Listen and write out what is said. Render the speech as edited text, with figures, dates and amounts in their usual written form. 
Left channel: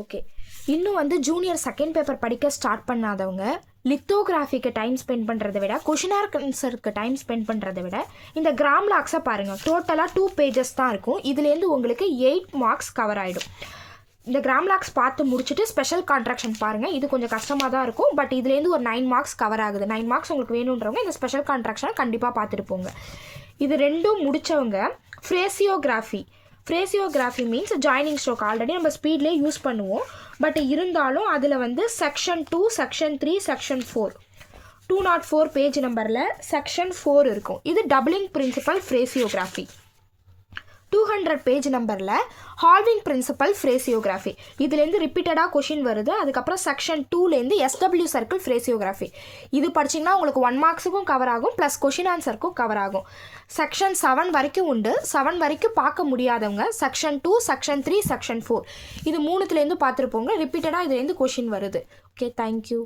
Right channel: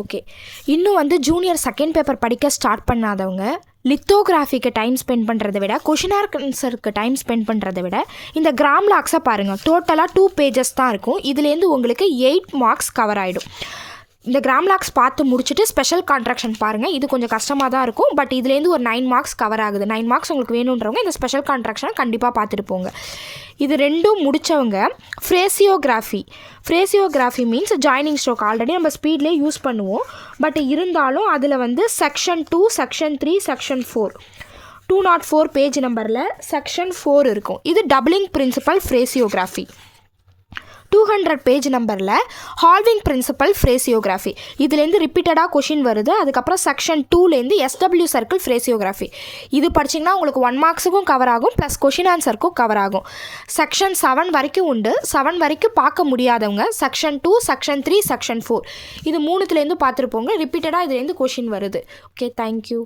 Okay, இன்னும் வந்து junior second paper படிக்க ஸ்டார்ட் பண்ணாதவங்க லித்தோகிராஃபிக்கு டைம் ஸ்பெண்ட் பண்ணுறதை விட கொஷின் ஆன்சருக்கு டைம் ஸ்பெண்ட் பண்ணுறதை விட இந்த கிராம் லாக்ஸை பாருங்கள். டோட்டலாக 2 பேஜஸ் தான் இருக்கும். இதுலேருந்து உங்களுக்கு 8 மார்க்ஸ் கவர் ஆகிடும். இந்த கிராம் லாக்ஸ் பார்த்து முடிச்சுட்டு ஸ்பெஷல் கான்ட்ராக்ஷன் பாருங்கள். இது கொஞ்சம் கஷ்டமாக தான் இருக்கும். பட் இதுலேருந்து ஒரு 9 மார்க்ஸ் கவர் ஆகுது. 9 மார்க்ஸ் உங்களுக்கு வேணுன்றவங்க இந்த ஸ்பெஷல் கான்ட்ராக்ஷனை கண்டிப்பாக பார்த்துட்டு போங்க. இது ரெண்டும் முடித்தவங்க phraseography means joining stroke already நம்ம ஸ்பீட்லேயே யூஸ் பண்ணுவோம். பட் இருந்தாலும் அதில் வந்து செக்ஷன் 2, செக்ஷன் 3, செக்ஷன் 4 204 பேஜ் நம்பரில் செக்ஷன் 4 இருக்கும். இது டபுளிங் பிரின்சிபல் ஃப்ரேசியோகிராஃபி. 200 பேஜ் நம்பரில் ஹால்விங் பிரின்சிபல் ஃப்ரேசியோகிராஃபி. இதுலேருந்து ரிப்பீட்டடாக கொஷின் வருது. அதுக்கப்புறம் செக்ஷன் 2லேருந்து SW சர்க்கிள் ஃப்ரேசியோகிராஃபி. இது படிச்சிங்கன்னா உங்களுக்கு 1 மார்க்ஸுக்கும் கவர் ஆகும், ப்ளஸ் கொஷின் ஆன்சருக்கும் கவர் ஆகும். செக்ஷன் 7 வரைக்கும் உண்டு. 7 வரைக்கும் பார்க்க முடியாதவங்க செக்ஷன் 2, செக்ஷன் 3, செக்ஷன் 4 இது 3த்துலேருந்து பார்த்துருப்போங்க. ரிப்பீட்டடாக இதுலேருந்து கொஷின் வருது. Okay, thank you.